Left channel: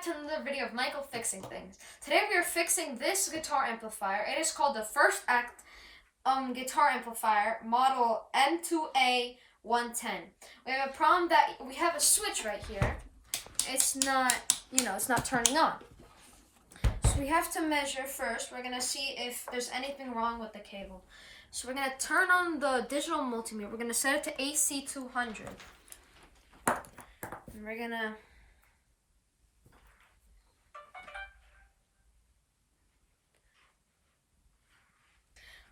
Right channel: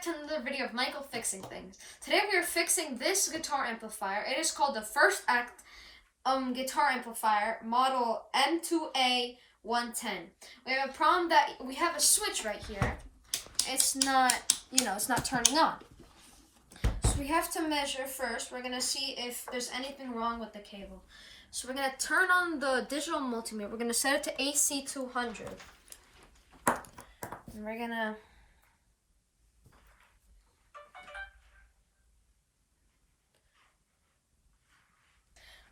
back to another video of Michael fixing things. Today we are fixing this guitar amplifier. It is called the First Act guitar amplifier, model M2A 110. We have a problem that we have a switch right here. It's not, it's not turning on. So we have to measure first. We're gonna see if there's anything wrong with the cable. So we're gonna turn on the digital multimeter. We're gonna set it to AC 200. And we're gonna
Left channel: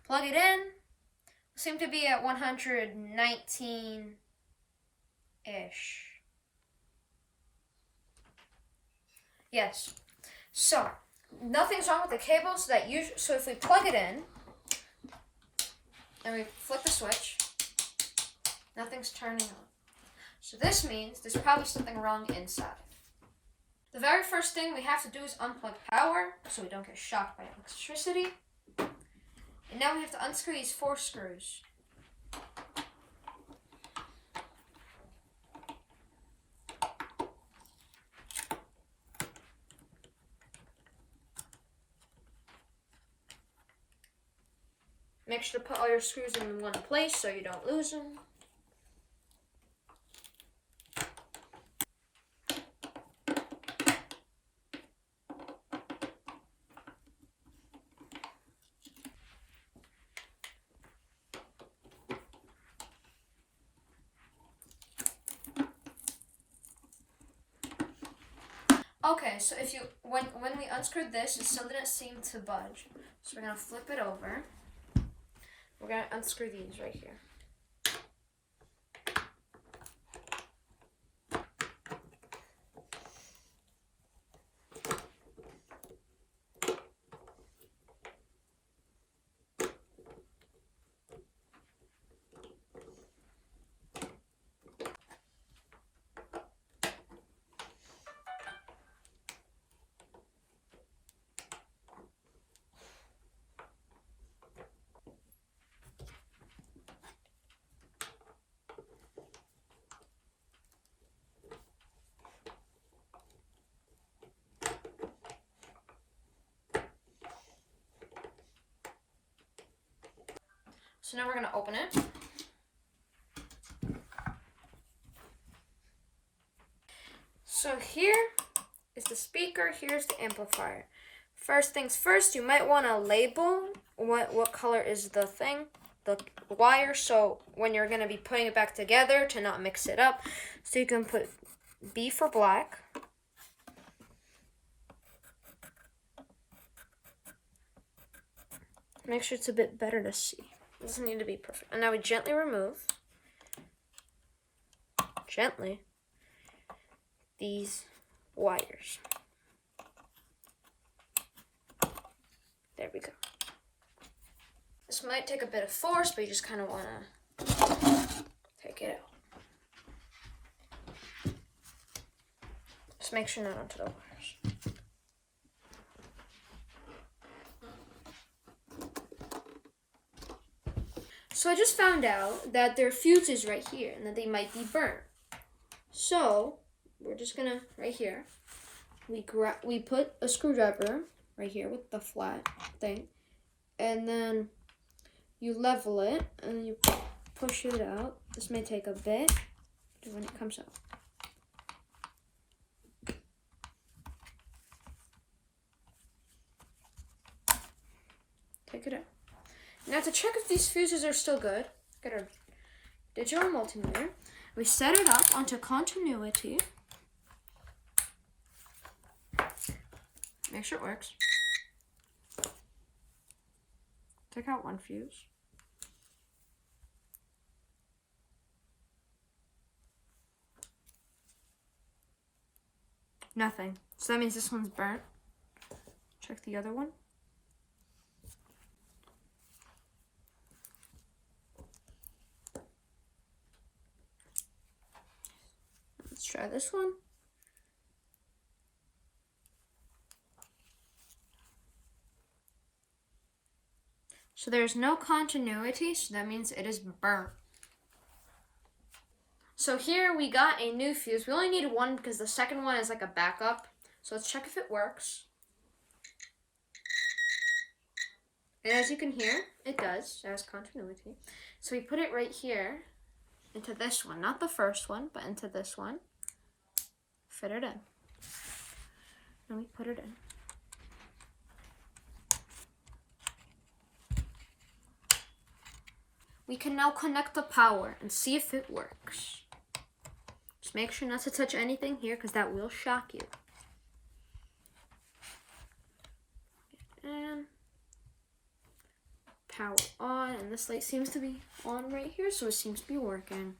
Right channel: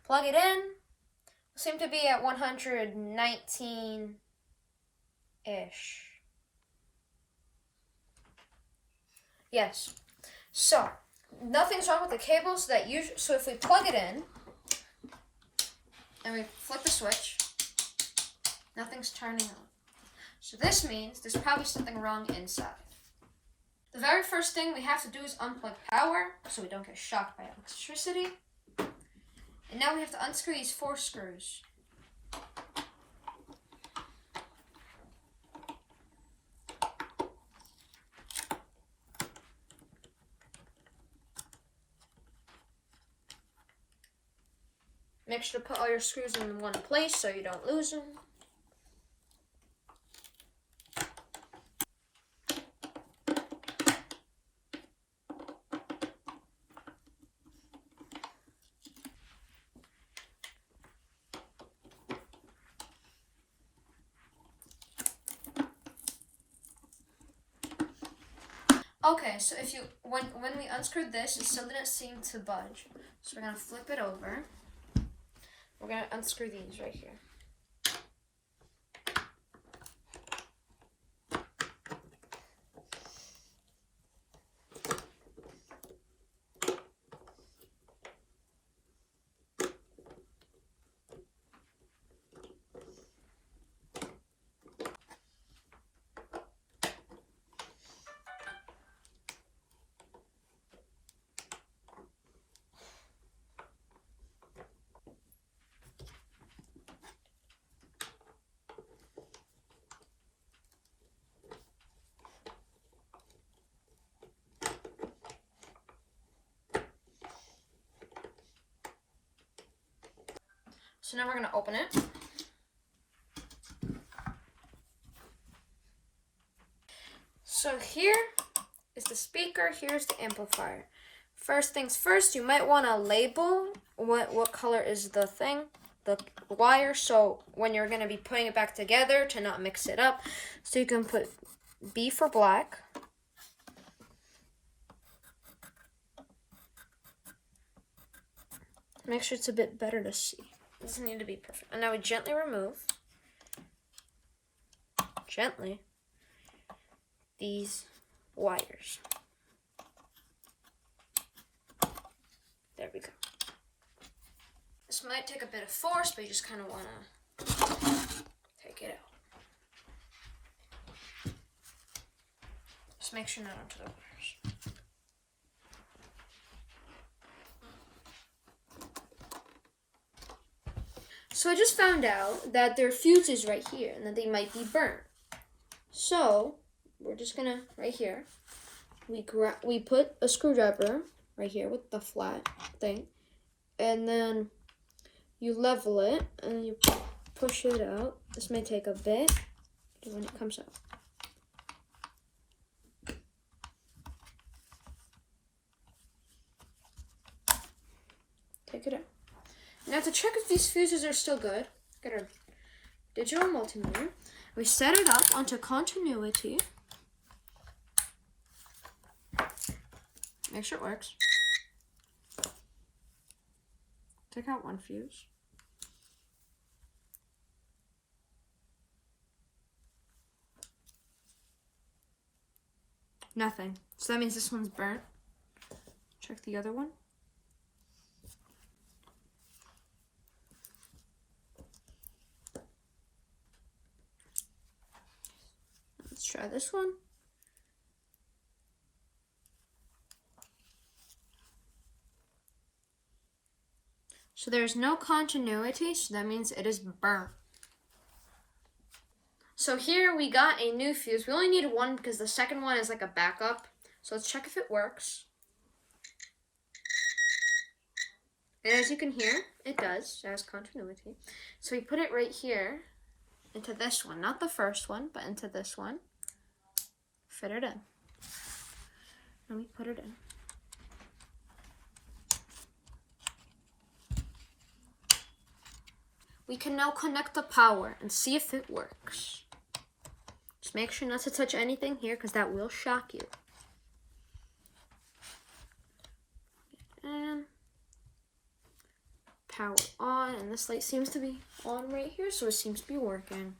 plug it in. We seem to be at 119-ish. Yes. So nothing's wrong with the cable. So if we plug it in and we flip the switch, nothing's turning on. So this means there's probably something wrong inside. The very first thing we have to do is unplug power so we don't get shocked by electricity. And now we have to unscrew these 4 screws. Make sure to put all your screws in one place so you don't lose them. Okay, so when we unscrewed this, it still didn't seem to budge. So we're gonna flip it over. We're gonna unscrew these right here. So now we're going to open it. So here is the speaker, here's the amplifier. First things first, you might want to label what color is the wire, so when you're going to be putting it back together to not mix it up. So you can put B for black. Make sure it's a bit better to see. These need to be perfect. And now we gently remove, these wires. There we go. This might take a bit of force, but you just kind of want to take it out. Just make sure not onto the wires. So I just found out that there are fuses right here and that they might be burnt. So we're just gonna, right here, we put a screwdriver right here with the flat thing, and then you level it and you push it out. This may take a bit when it comes out. Take it out. Now to check if these fuses are still good, get our digital multimeter. We set it up onto continuity. Make sure it works. Take out one fuse. Nothing. So that means this one's burnt. Check the other one. Let's try this one. So there's no continuity, so that means it is burnt. So here we got a new fuse. We only need one because the second one is like a backup. So let's check if it works. And as you can hear, it does. It has continuity. So we put it right here into this one. Not the first one, but into this one. Fit it in. Let me put it in. We can now connect the power and see if it works. Just make sure not to touch anything here because that will shock you. And power on, and this light seems to be on right here, so it seems to be working.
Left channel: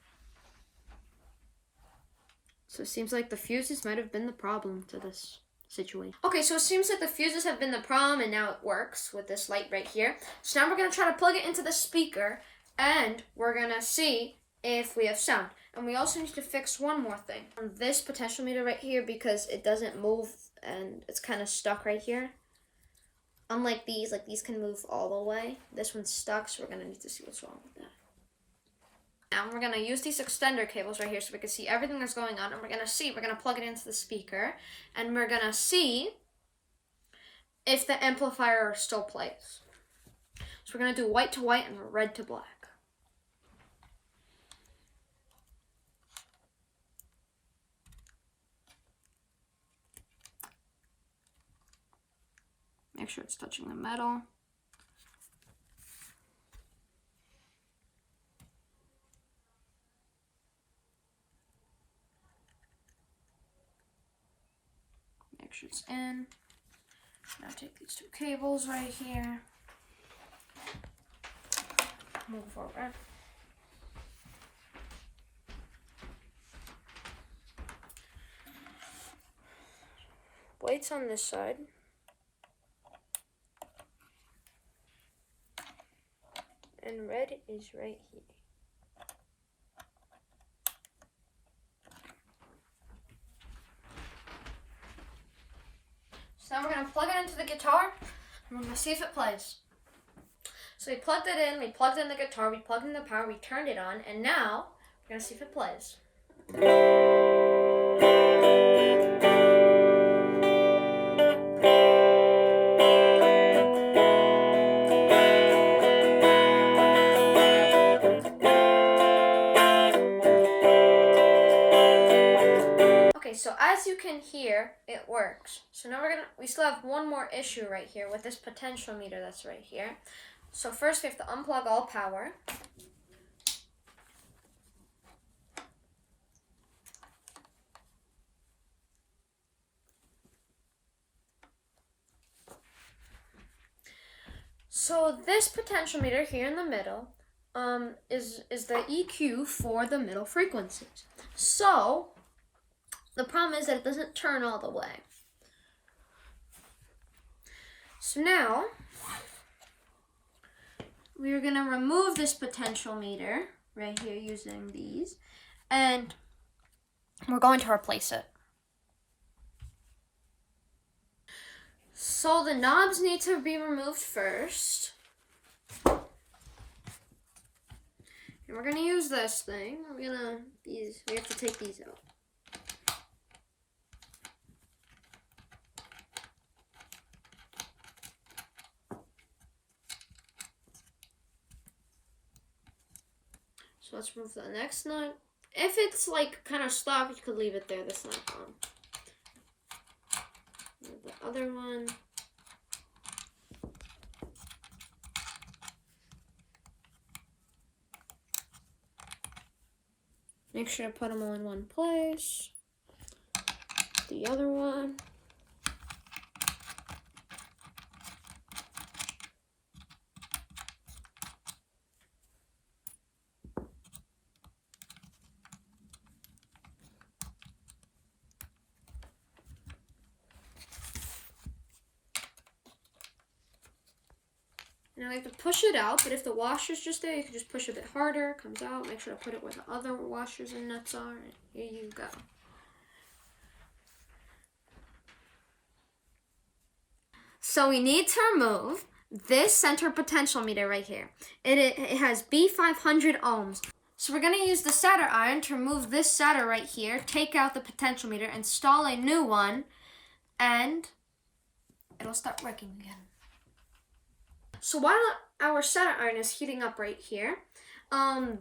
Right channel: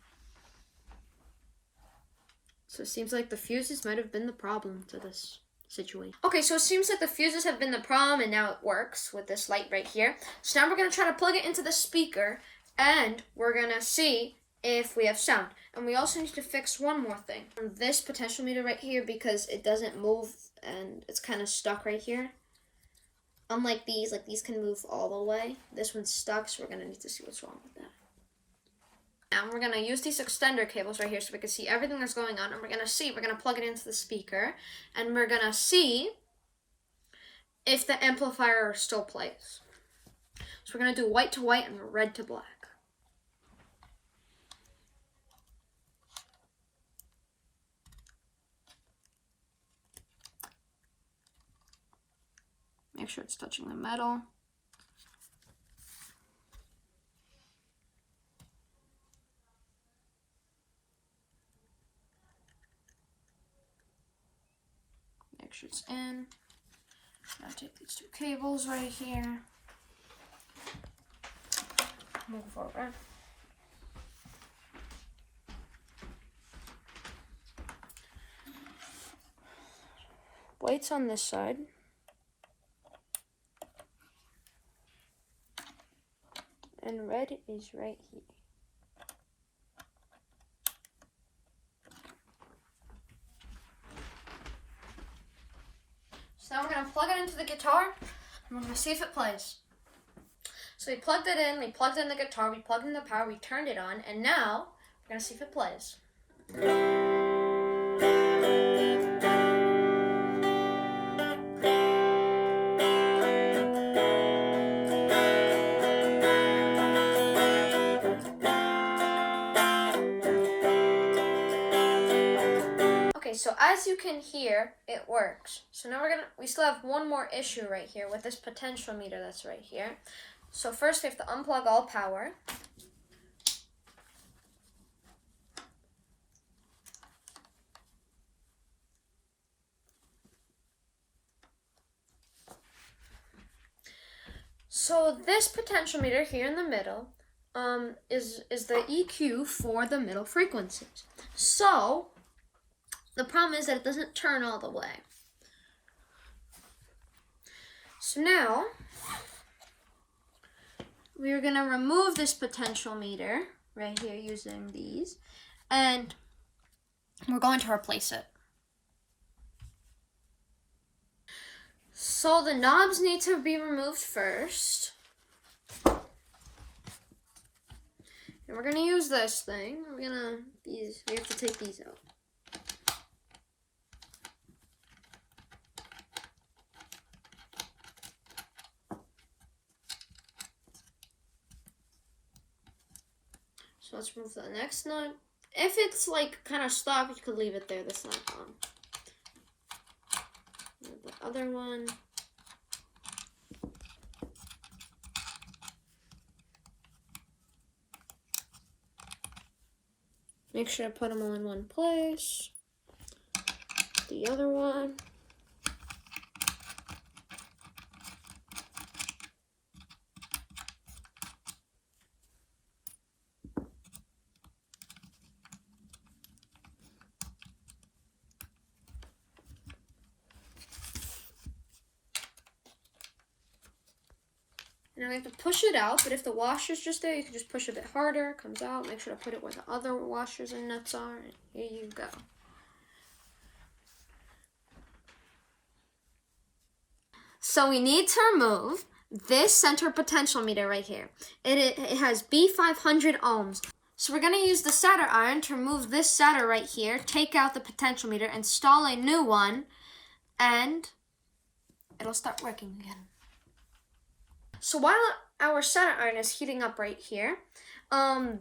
So it seems like the fuses might have been the problem to this situation. Okay, so it seems like the fuses have been the problem, and now it works with this light right here. So now we're going to try to plug it into the speaker, and we're going to see if we have sound. And we also need to fix one more thing. This potentiometer right here, because it doesn't move, and it's kind of stuck right here. Unlike these, like these can move all the way. This one's stuck, so we're going to need to see what's wrong with that. Now we're going to use these extender cables right here so we can see everything that's going on. And we're going to plug it into the speaker. And we're going to see if the amplifier still plays. So we're going to do white to white and red to black. Make sure it's touching the metal. Make sure it's in. Now take these two cables right here. Move forward. White's on this side. And red is right here. So now we're going to plug it into the guitar, and we're going to see if it plays. So we plugged it in, we plugged in the guitar, we plugged in the power, we turned it on, and now we're going to see if it plays. So as you can hear, it works. So now we still have one more issue right here with this potentiometer that's right here. So first we have to unplug all power. So this potentiometer here in the middle is the EQ for the middle frequencies. So the problem is that it doesn't turn all the way. So now, we're going to remove this potentiometer right here using these, and we're going to replace it. So the knobs need to be removed first. And we're going to use this thing. We have to take these out. So let's remove the next nut. If it's like kind of stuck, you could leave it there. That's not gone. The other one. Make sure to put them all in one place. The other one. Now we have to push it out, but if the washer's just there, you can just push a bit harder. It comes out. Make sure to put it where the other washers and nuts are. And here you go. So we need to remove this center potentiometer right here. It has B500 ohms. So we're going to use the solder iron to remove this solder right here, take out the potentiometer, install a new one, and it'll start working again. So while our solder iron is heating up right here,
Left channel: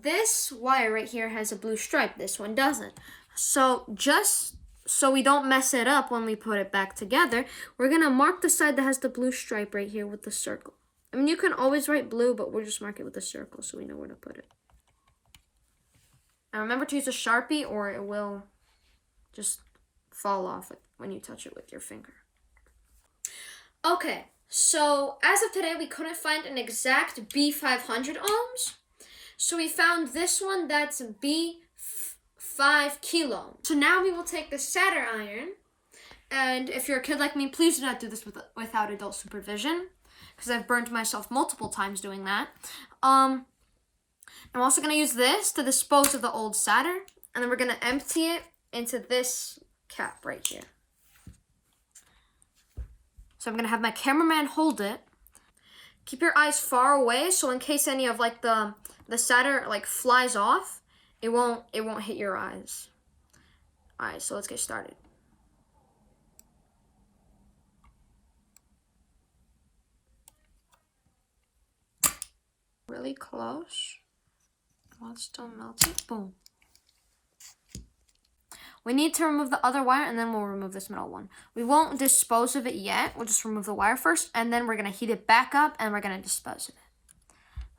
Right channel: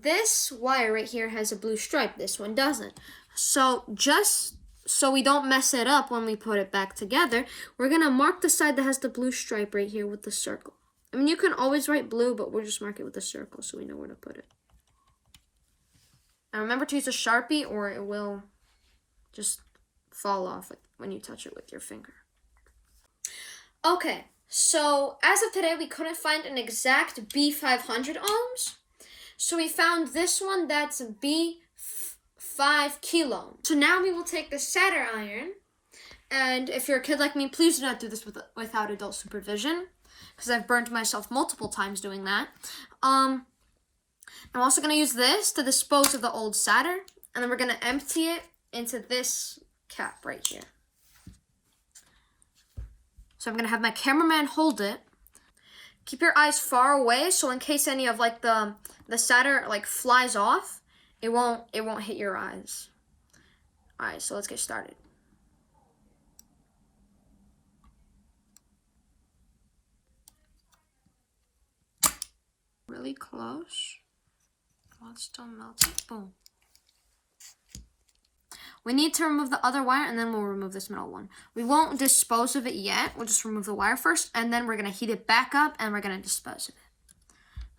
this wire right here has a blue stripe. This one doesn't. So just so we don't mess it up when we put it back together, we're gonna mark the side that has the blue stripe right here with the circle. I mean, you can always write blue, but we'll just mark it with a circle so we know where to put it. And remember to use a Sharpie or it will just fall off when you touch it with your finger. Okay, so as of today, we couldn't find an exact B500 ohms. So we found this one that's B5 kilo. So now we will take the solder iron, and if you're a kid like me, please do not do this without adult supervision, because I've burned myself multiple times doing that. I'm also going to use this to dispose of the old solder, and then we're going to empty it into this cap right here. So I'm going to have my cameraman hold it. Keep your eyes far away, so in case any of like the solder like flies off, it won't hit your eyes. All right, so let's get started. Really close. While it's still melting, boom. We need to remove the other wire, and then we'll remove this middle one. We won't dispose of it yet. We'll just remove the wire first, and then we're going to heat it back up, and we're going to dispose of it.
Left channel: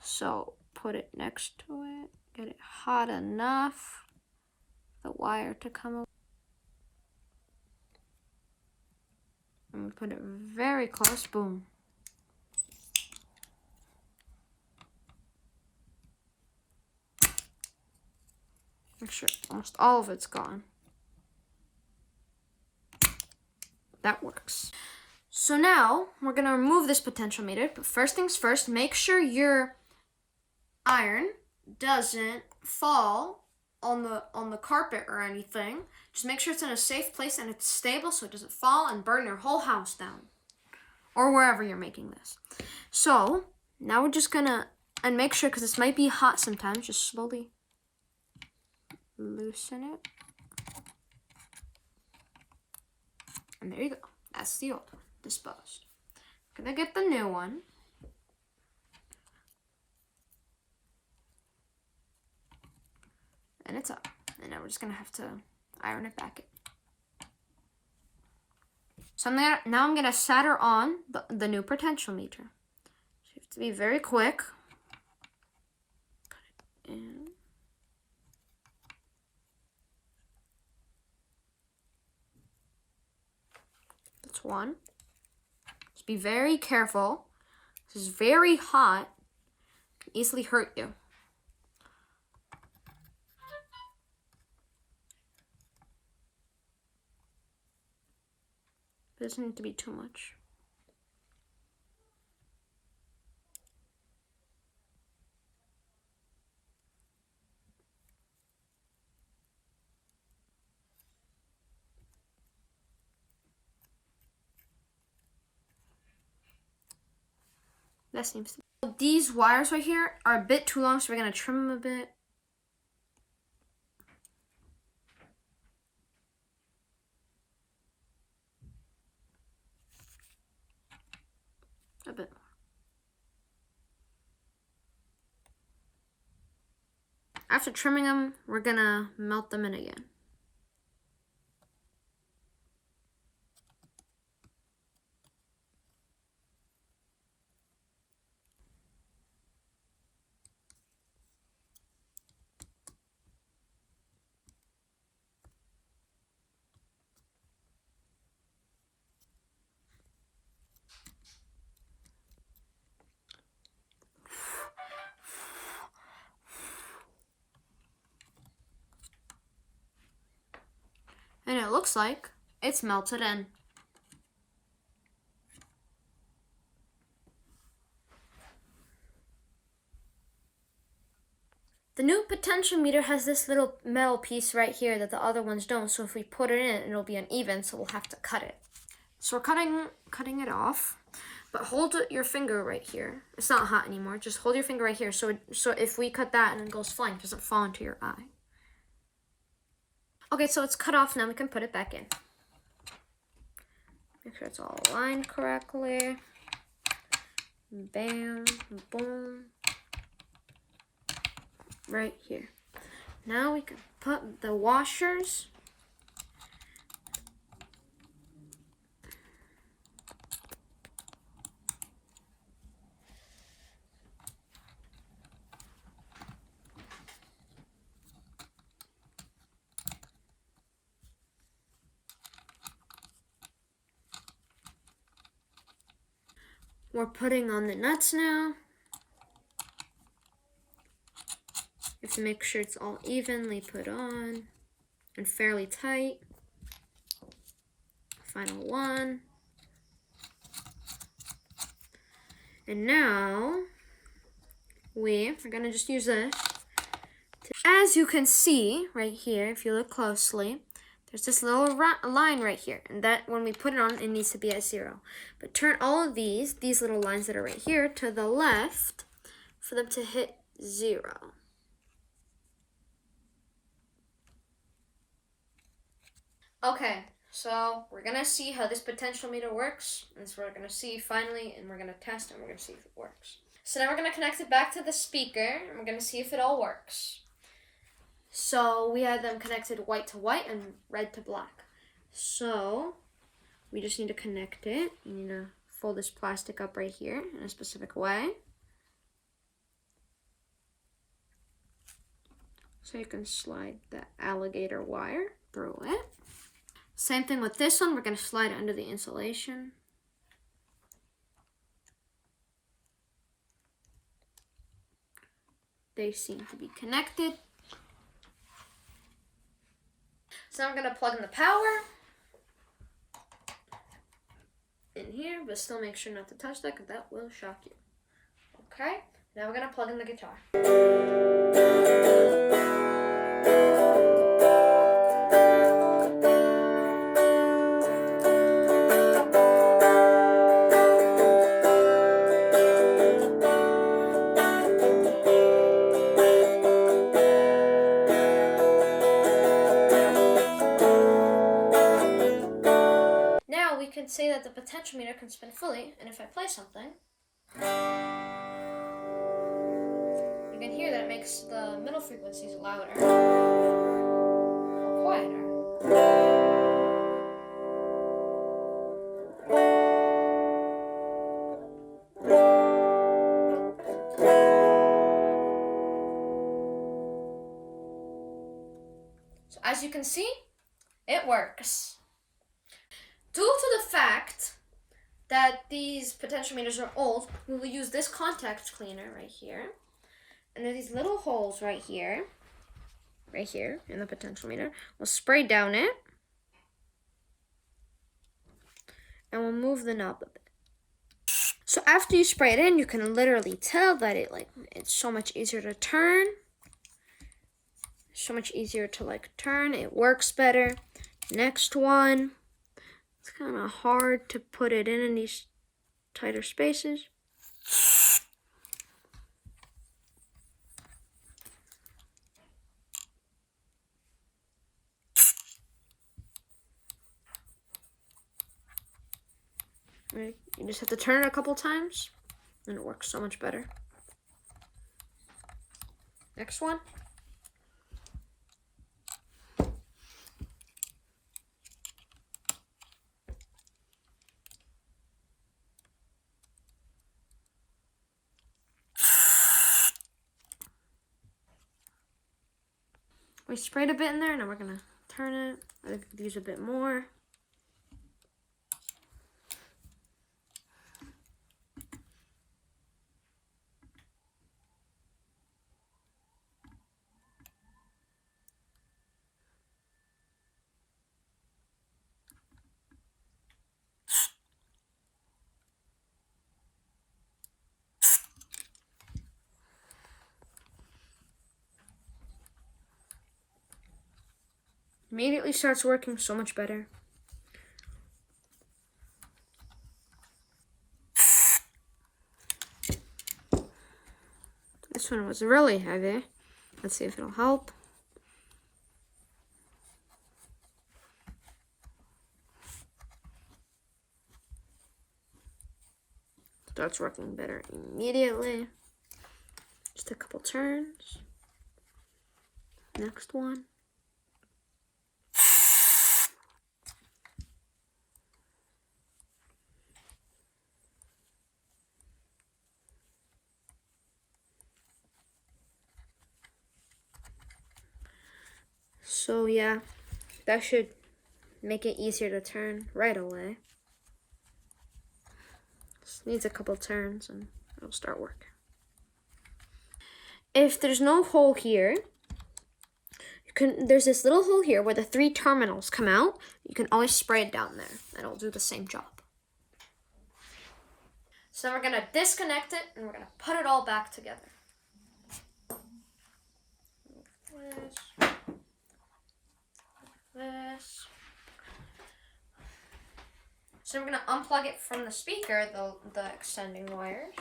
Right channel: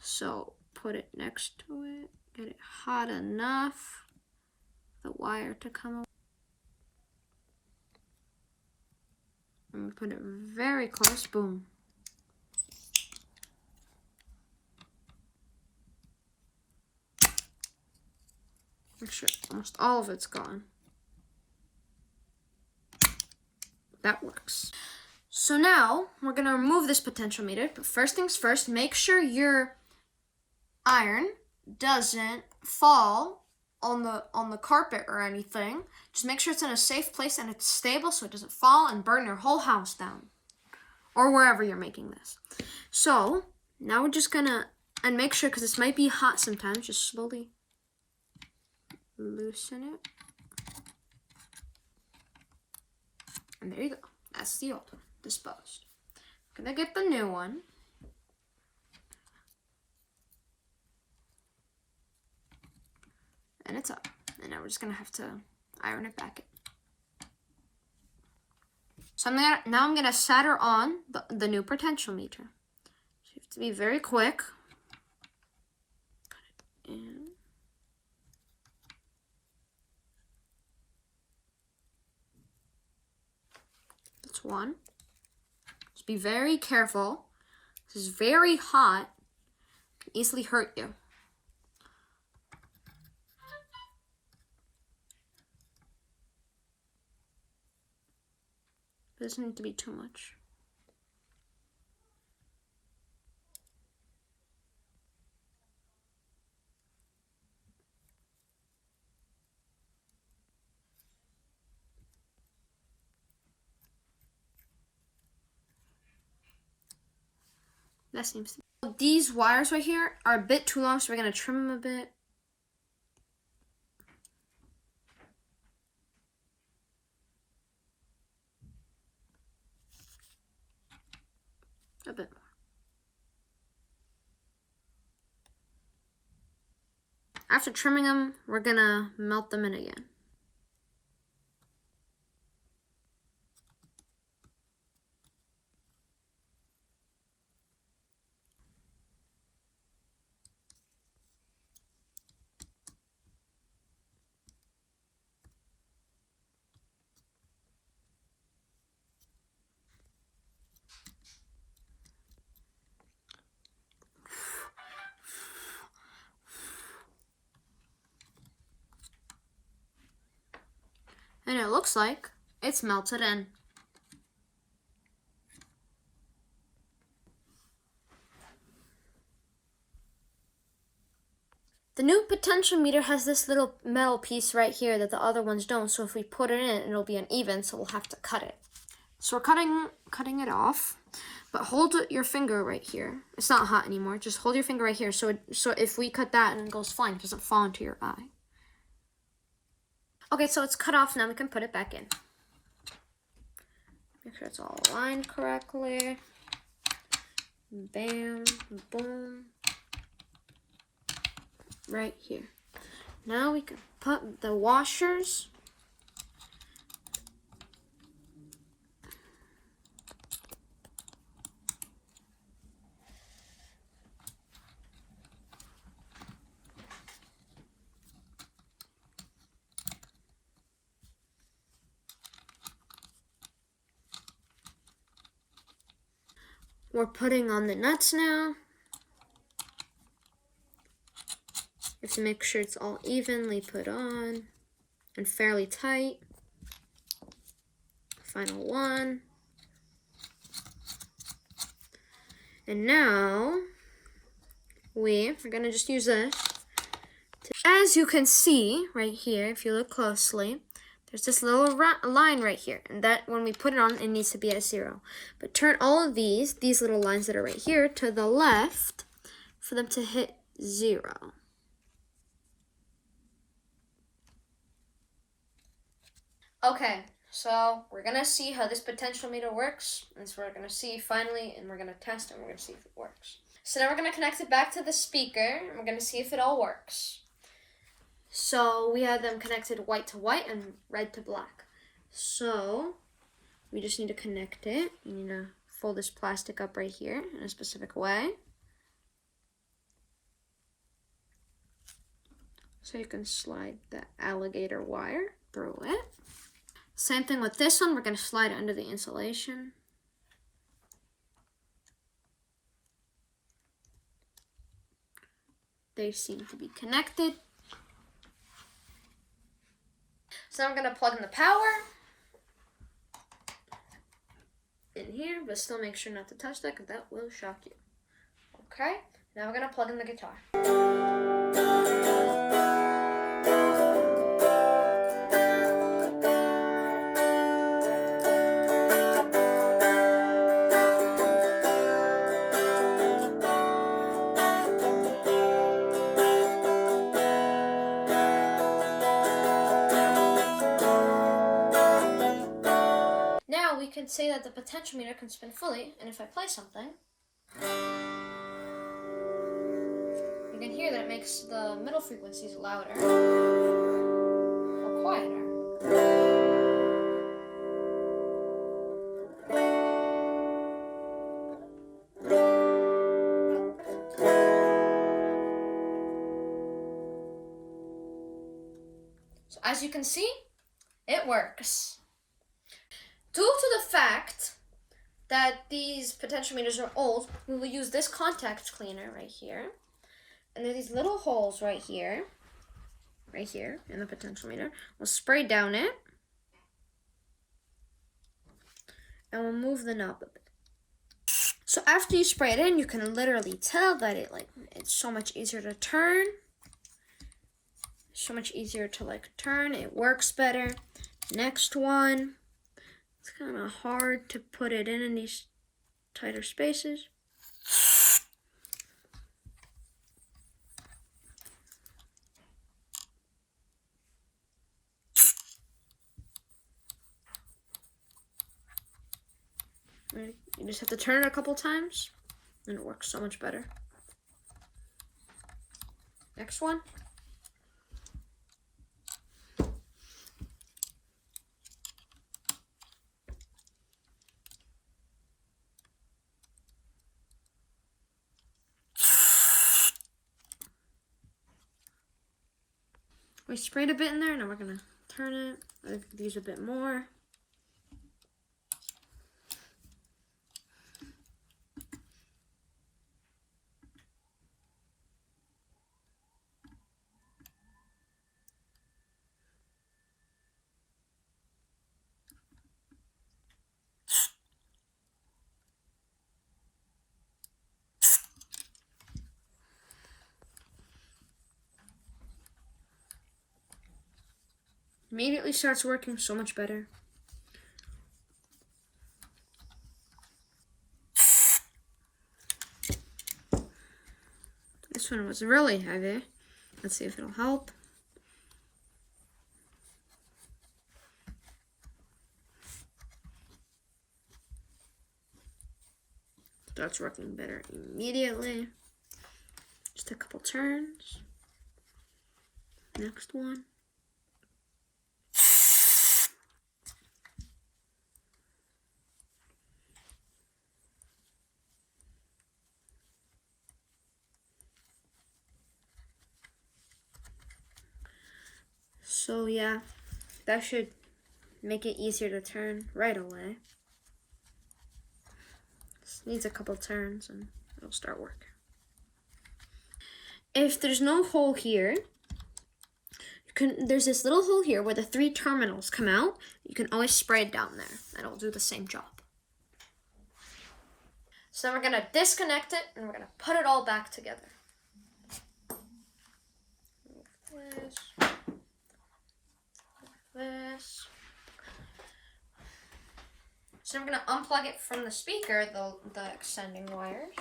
So put it next to it. Get it hot enough. The wire to come up. And we put it very close. Boom. Make sure almost all of it's gone. That works. So now we're gonna remove this potentiometer, but first things first, make sure your iron doesn't fall on the carpet or anything. Just make sure it's in a safe place and it's stable so it doesn't fall and burn your whole house down, or wherever you're making this. So now we're just gonna, and make sure, because this might be hot sometimes, just slowly loosen it. And there you go. That's the old one, disposed. Gonna get the new one. And it's up. And now we're just gonna have to iron it back in. So now I'm gonna solder on the new potentiometer. So you have to be very quick. Put it in. That's one. Just be very careful. This is very hot. It can easily hurt you. It doesn't need to be too much. That seems to be. These wires right here are a bit too long, so we're going to trim them a bit. A bit more. After trimming them, we're going to melt them in again. And it looks like it's melted in. The new potentiometer has this little metal piece right here that the other ones don't, so if we put it in, it'll be uneven, so we'll have to cut it. So we're cutting it off, but hold your finger right here. It's not hot anymore. Just hold your finger right here, so if we cut that and it goes flying, it doesn't fall into your eye. Okay, so it's cut off now. We can put it back in. Make sure it's all aligned correctly. Bam, boom. Right here. Now we can put the washers. We're putting on the nuts now. You have to make sure it's all evenly put on and fairly tight. Final one. And now we are going to just use this. As you can see right here, if you look closely, there's this little line right here, and that when we put it on, it needs to be at 0. But turn all of these little lines that are right here, to the left for them to hit 0. Okay, so we're gonna see how this potentiometer works, and so we're gonna see finally, and we're gonna test, and we're gonna see if it works. So now we're gonna connect it back to the speaker, and we're gonna see if it all works. So we had them connected white to white and red to black. So we just need to connect it. You need to fold this plastic up right here in a specific way. So you can slide the alligator wire through it. Same thing with this one. We're going to slide it under the insulation. They seem to be connected. So now I'm going to plug in the power in here, but still make sure not to touch that because that will shock you. Okay, now we're going to plug in the guitar. Now we can say that the potentiometer can spin fully, and if I play something, you can hear that it makes the middle frequencies louder or quieter. So as you can see, it works. Due to the fact that these potentiometers are old, we will use this contact cleaner right here. And there's these little holes right here in the potentiometer. We'll spray down it. And we'll move the knob a bit. So after you spray it in, you can literally tell that it's so much easier to turn. So much easier to turn. It works better. Next one. It's kind of hard to put it in these tighter spaces. Right. You just have to turn it a couple times, and it works so much better. Next one. We sprayed a bit in there, now we're gonna turn it. I think we could use a bit more. Immediately starts working so much better. This one was really heavy. Let's see if it'll help. Starts working better immediately. Just a couple turns. Next one. So yeah, that should make it easier to turn right away. Just needs a couple turns and it'll start working. If there's no hole here, there's this little hole here where the 3 terminals come out. You can always spray it down there and it'll do the same job. So then we're gonna disconnect it and we're gonna put it all back together. This. So we're gonna unplug it from the speaker, the extending wires.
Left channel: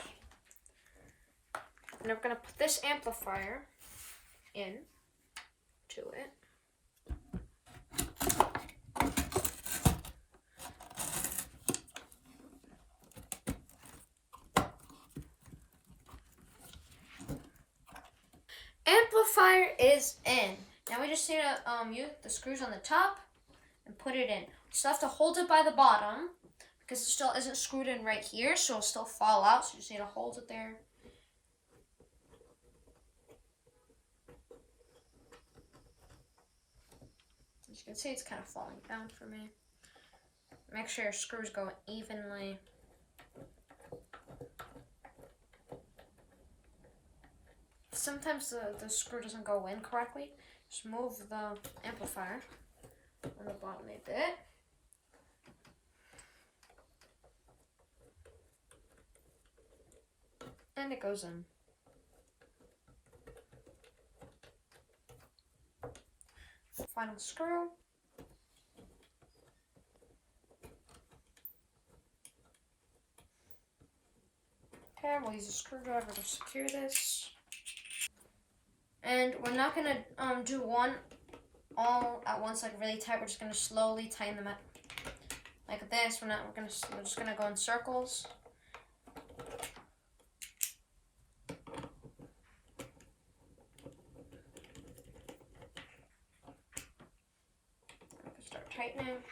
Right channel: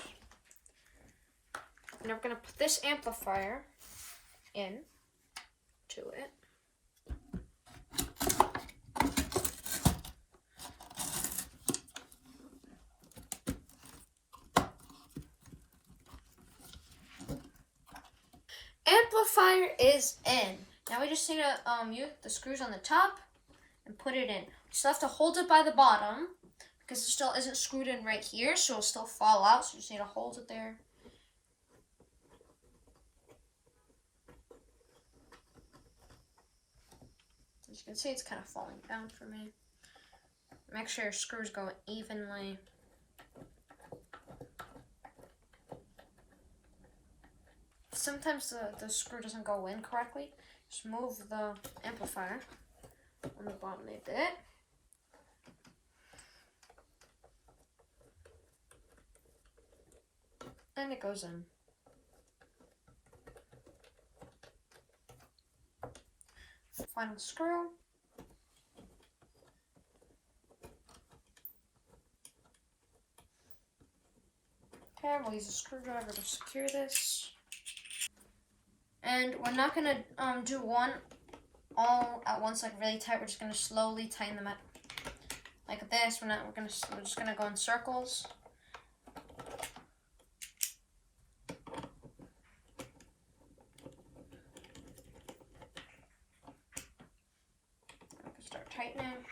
And we're gonna put this amplifier in to it. Amplifier is in. Now we just need to use the screws on the top and put it in. We still have to hold it by the bottom because it still isn't screwed in right here, so it'll still fall out. So you just need to hold it there. As you can see, it's kind of falling down for me. Make sure your screws go evenly. Sometimes the screw doesn't go in correctly. Just move the amplifier on the bottom a bit. And it goes in. Final screw. Okay, we'll use a screwdriver to secure this. And we're not gonna do one all at once, like really tight. We're just gonna slowly tighten them up like this. We're just gonna go in circles. Start tightening.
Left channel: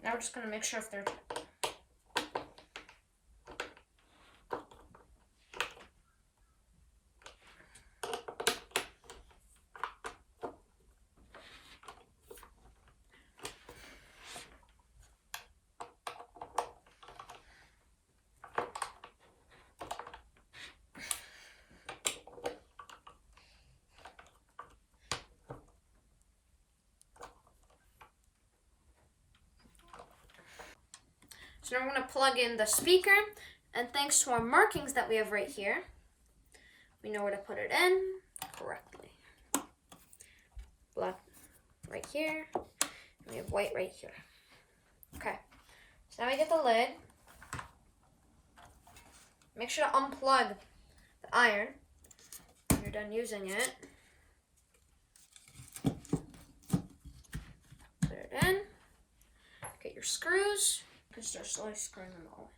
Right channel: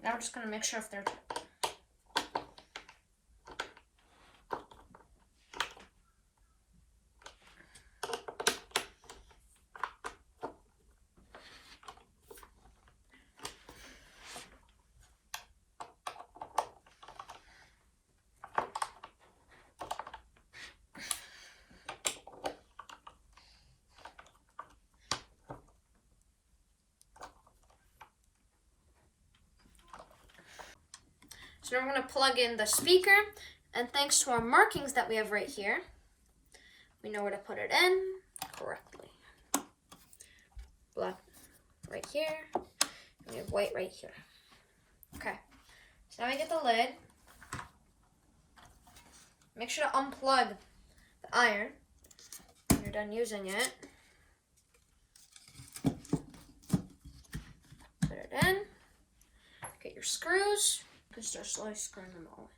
Now we're just going to make sure if they're tight. So now we're going to plug in the speaker, and thanks to our markings that we have right here, we know where to put it in correctly. Black right here, and we have white right here. Okay, so now we get the lid. Make sure to unplug the iron when you're done using it. Put it in. Get your screws. Just start slowly screwing them all in.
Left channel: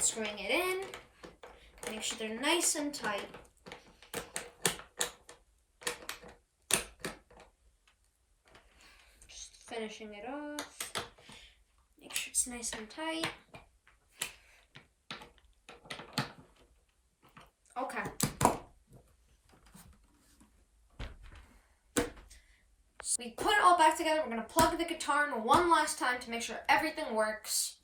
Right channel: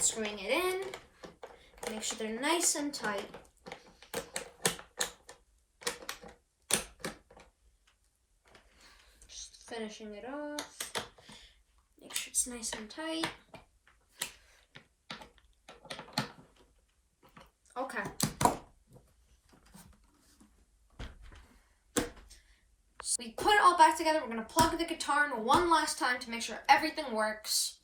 Screwing it in. Make sure they're nice and tight. Just finishing it off. Make sure it's nice and tight. Okay. So we put it all back together. We're going to plug the guitar in one last time to make sure everything works.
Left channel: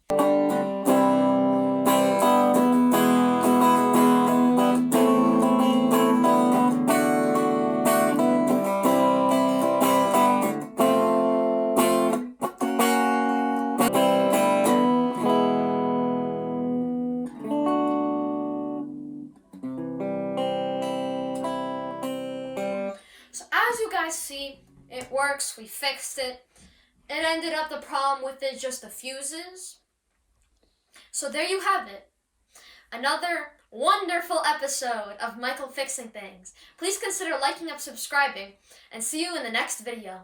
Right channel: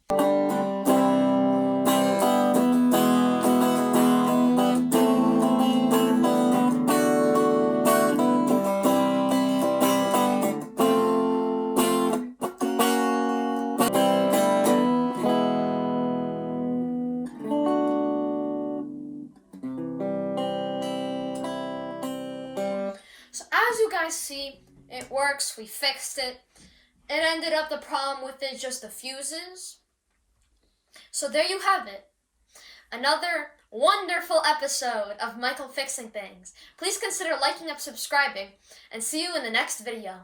guys see, it works. We fixed it. It ended up the problem with it just the fuses. So there you have it. Another wonderful episode of Michael Fixing Things. Please consider liking and subscribing, and see you in the next video.